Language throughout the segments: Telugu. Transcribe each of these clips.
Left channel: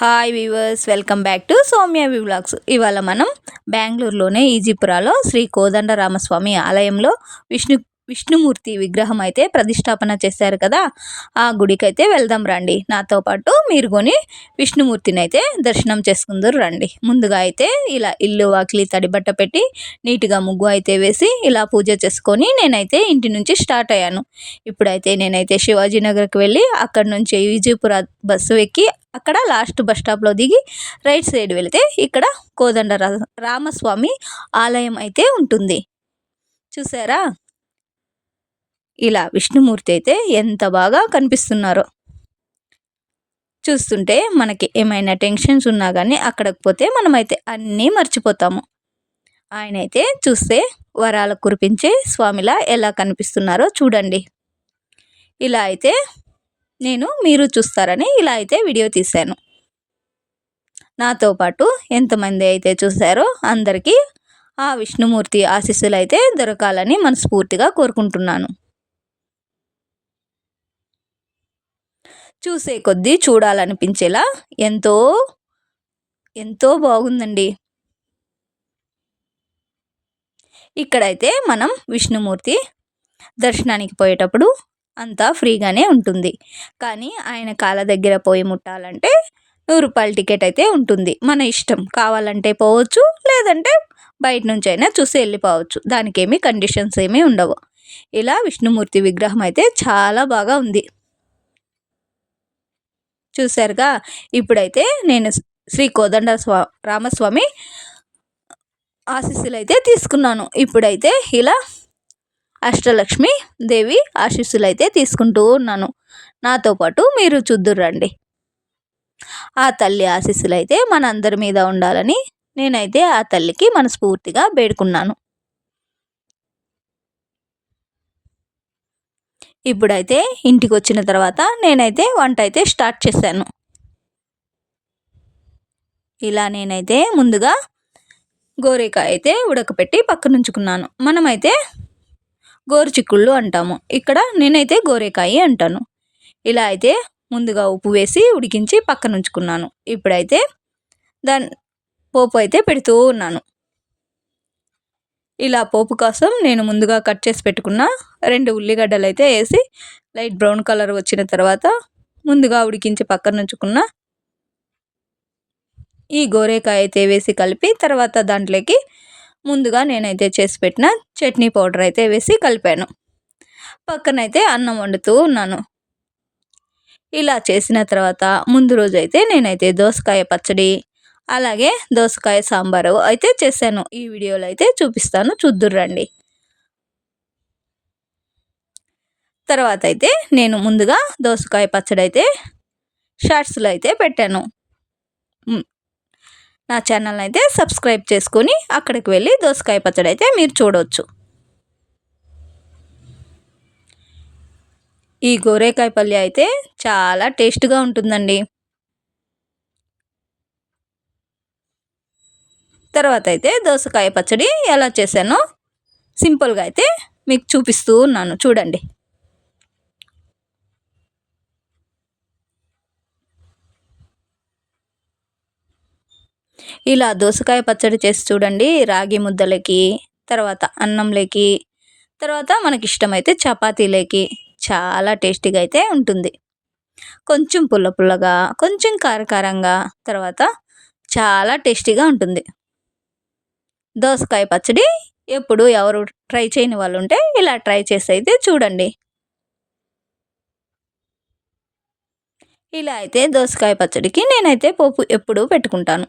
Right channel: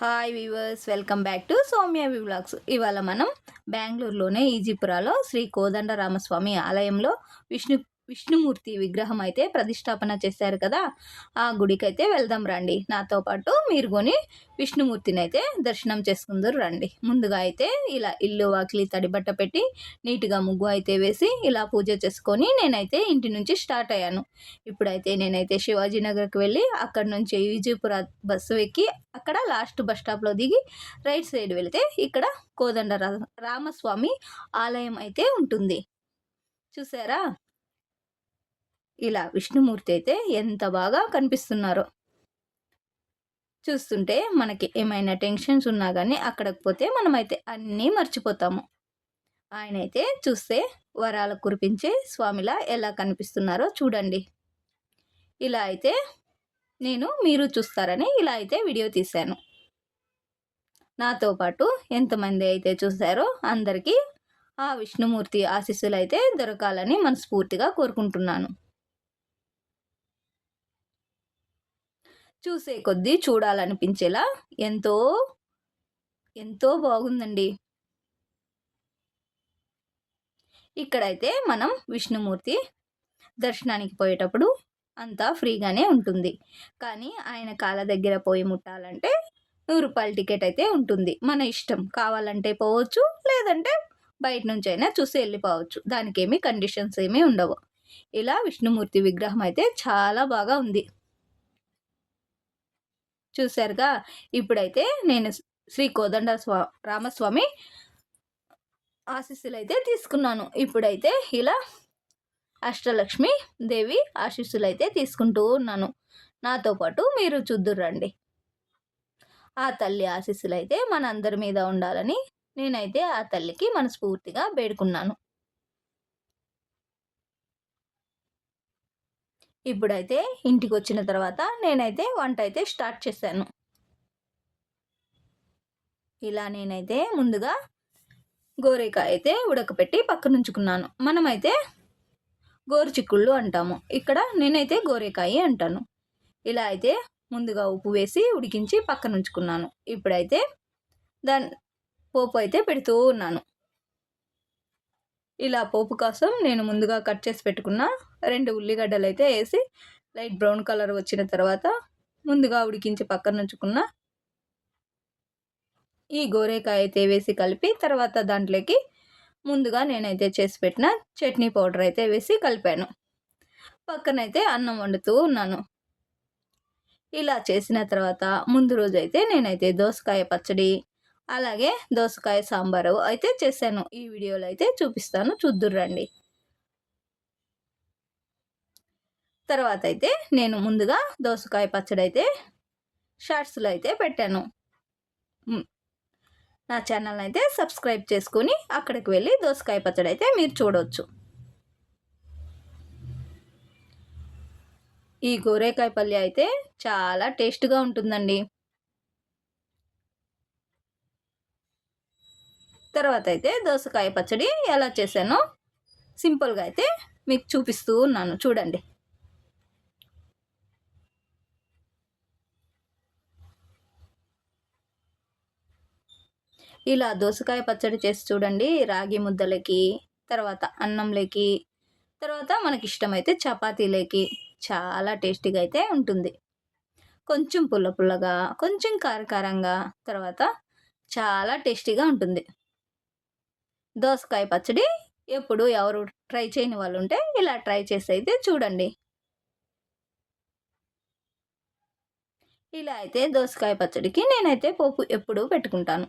Hi weavers, welcome back to Soumya vlogs. ఇవాళ మనం బెంగళూరులోనే ఈజీపురాలో శ్రీ కోదండరామస్వామి ఆలయంలో విష్ణుమూర్తి విగ్రహం అయితే ప్రతిష్టాపన చేశారు కదా, ఆ గుడికైతే వెళ్దాం రండి. నాతో పాటు మీరు కొని విష్ణుమూర్తిని అయితే దర్శనం చేసుకుందరు రండి. ముందుగా అయితే ఇలా ఇల్లు వాకిలి తడిబట్ట పెట్టి నీట్గా ముగ్గు అయితే వేసి ఇలా పూజ చేసుకొని నేనైతే ఇంటి నుంచి స్టార్ట్ అయ్యాను. ఇప్పుడైతే నేనైతే శివాజీ నగర్కి వెళ్ళి అక్కడ నుంచి ఈజీపుర బస్సు ఎక్కి అక్కడ లాస్ట్ బస్ స్టాప్లో దిగి రైట్ సైడ్ వెళితే ఇక్కడ కోదండ రామస్వామి ఆలయం అయితే ఉంటుంది. చూసారా, ఇలా విష్ణుమూర్తి అయితే ఎంత బాగా కనిపిస్తున్నారో. చూస్తుంటే మనకి ఏమైనా టెన్షన్స్ ఉన్నా కానీ అక్కడికి పోతే మనమైతే అన్నీ మర్చిపోతాము. ఆయన అయితే చూస్తే వరాలు కురిపించే స్వామిలా ఎలా కనిపిస్తున్నారో చూడండి. ఇలా అయితే మీరు చూస్తారని ఇలా అయితే వీడియో తీశాను. నాతో పాటు ఎంతమంది అయితే చూశారో అందరికీ ఆ విష్ణుమూర్తి ఆశీస్సులు అయితే దొరకాలని మనస్ఫూర్తిగా కోరుకుంటున్నాను. చూసే కొద్దీ చూడాలనిపించేలా ఎంతో ఎంతో బాగుందండి. ఇక్కడైతే మనం విష్ణుమూర్తి దర్శనానికి పోయేటప్పుడు అంతా ఫ్రీగానే ఉంటుంది, కానీ ఆయన కాళ్ళ దగ్గర పోయి ముట్టాలంటే 100 రూపాయల టికెట్ అయితే ఉంటుంది. మన ఇష్టం, కావాలంటే పోవచ్చు, లేదంటే బయట నుంచి అయినా చూసి వెళ్ళిపోవచ్చు. దానికి ఏమీ కండిషన్స్ ఏమీ ఉండవు. ఇలా విష్ణుమూర్తి విగ్రహం అయితే చాలా బాగా ఉంది. చూశారుగా, ఇప్పుడైతే నేను శ్రీ కోదండ రామస్వామి ఆశీస్సులు అయితే తీసుకున్నాను. ఇప్పుడైతే ఇలా అష్టలక్ష్మి దేవి ఆశీస్సులు అయితే తీసుకుంటూ ఉన్నాను. నాతో పాటు మీరు చూద్దురండి. ఆ తల్లి ఆశీస్సులు అయితే మన అందరి మీద ఉండాలని నేనైతే ఆ తల్లికి మనస్ఫూర్తిగా వేడుకున్నాను. ఇప్పుడైతే ఇంటికి వచ్చిన తర్వాత నేనైతే వంట అయితే స్టార్ట్ చేశాను. ఇలా నేనైతే ముందుగా గోరేకాయ అయితే ఉడకపెట్టి పక్కన ఉంచుకున్నాను. మనమైతే గోరుచిక్కుళ్ళు అంటాము, ఇక్కడ నేనైతే గోరేకాయ అంటాను. ఇలా అయితే ముందుగా ఉప్పు వేసి ఉడికించి పక్కన ఉంచుకున్నాను. ఇప్పుడైతే పోపు అయితే పెడుతూ ఉన్నాను. ఇలా పోపు కోసం నేను ముందుగా కట్ చేసి పెట్టుకున్న 2 ఉల్లిగడ్డలు అయితే వేసి లైట్ బ్రౌన్ కలర్ వచ్చిన తర్వాత ముందుగా ఉడికించి పక్కన ఉంచుకున్న ఈ గోరేకాయ అయితే వేసి కలిపి తర్వాత దాంట్లోకి ముందుగా నేనైతే చేసి పెట్టిన చట్నీ పౌడర్ అయితే వేసి కలిపాను. పక్కనైతే అన్నం వండుతూ ఉన్నాను. ఇలా చేసిన తర్వాత ముందు రోజు అయితే నేనైతే దోసకాయ పచ్చడి అలాగే దోసకాయ సాంబారు అయితే చేశాను. ఈ వీడియోలో అయితే చూపిస్తాను, చూద్దురండి. తర్వాత అయితే నేను ముందుగా దోసకాయ పచ్చడి అయితే షార్ట్స్లో అయితే పెట్టాను. నా ఛానల్ అయితే సబ్స్క్రైబ్ చేసుకొని అక్కడికి వెళ్ళి దోసకాయ పచ్చడి అయితే మీరు చూడవచ్చు. ఈ గోరేకాయ పల్లి అయితే చాలా టేస్ట్గా ఉంటుందండి. తర్వాత అయితే దోసకాయ పచ్చడి ఎలా చేశానో సింపుల్గా అయితే మీకు చూపిస్తూ ఉన్నాను, చూడండి. ఇలా దోసకాయ పచ్చడి చేసి చూడండి. రాగి ముద్దలకి, తర్వాత అన్నంలోకి, తర్వాత మనకి ఇష్టమైతే చపాతీలోకి చాలా టేస్టీగా అయితే ఉంటుంది. కొంచెం పుల్ల పుల్లగా, కొంచెం కారకారంగా, తర్వాత చాలా టేస్టీగా ఉంటుంది. దోసకాయ పచ్చడి ఎప్పుడు ఎవరు ట్రై చేయని వాళ్ళు ఉంటే ఇలా ట్రై చేసి అయితే చూడండి. ఇలా అయితే దోసకాయ పచ్చడికి నేనైతే పోపు ఎప్పుడూ పెట్టుకుంటాను.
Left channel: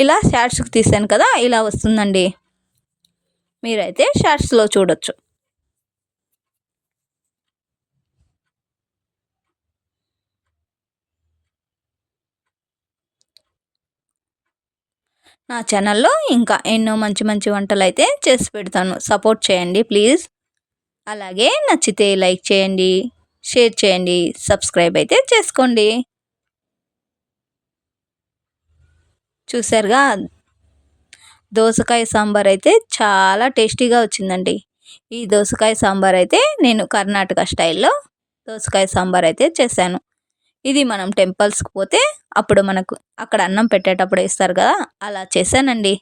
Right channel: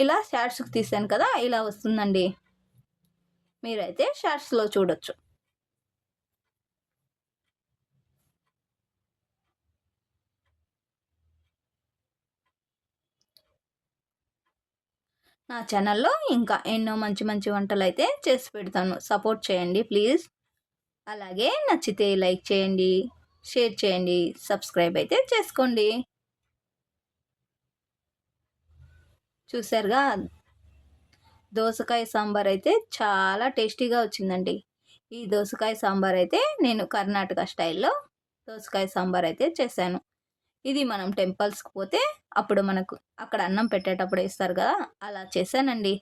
ఇలా షార్ట్స్కి తీసాను కదా, ఇలా వస్తుందండి. మీరైతే షార్ట్స్లో చూడొచ్చు. నా ఛానల్లో ఇంకా ఎన్నో మంచి మంచి వంటలు అయితే చేసి పెడతాను. సపోర్ట్ చేయండి ప్లీజ్. అలాగే నచ్చితే లైక్ చేయండి, షేర్ చేయండి, సబ్స్క్రైబ్ అయితే చేసుకోండి. చూసారుగా, దోసకాయ సాంబార్ అయితే చాలా టేస్టీగా వచ్చిందండి. ఈ దోసకాయ సాంబార్ అయితే నేను కర్ణాటక స్టైల్‌లో దోసకాయ సాంబార్ అయితే చేశాను. ఇది మనం టెంపుల్స్‌కి పోతే అప్పుడు మనకు అక్కడ అన్నం పెట్టేటప్పుడు ఏస్తారు కదా! అలా చేశానండి.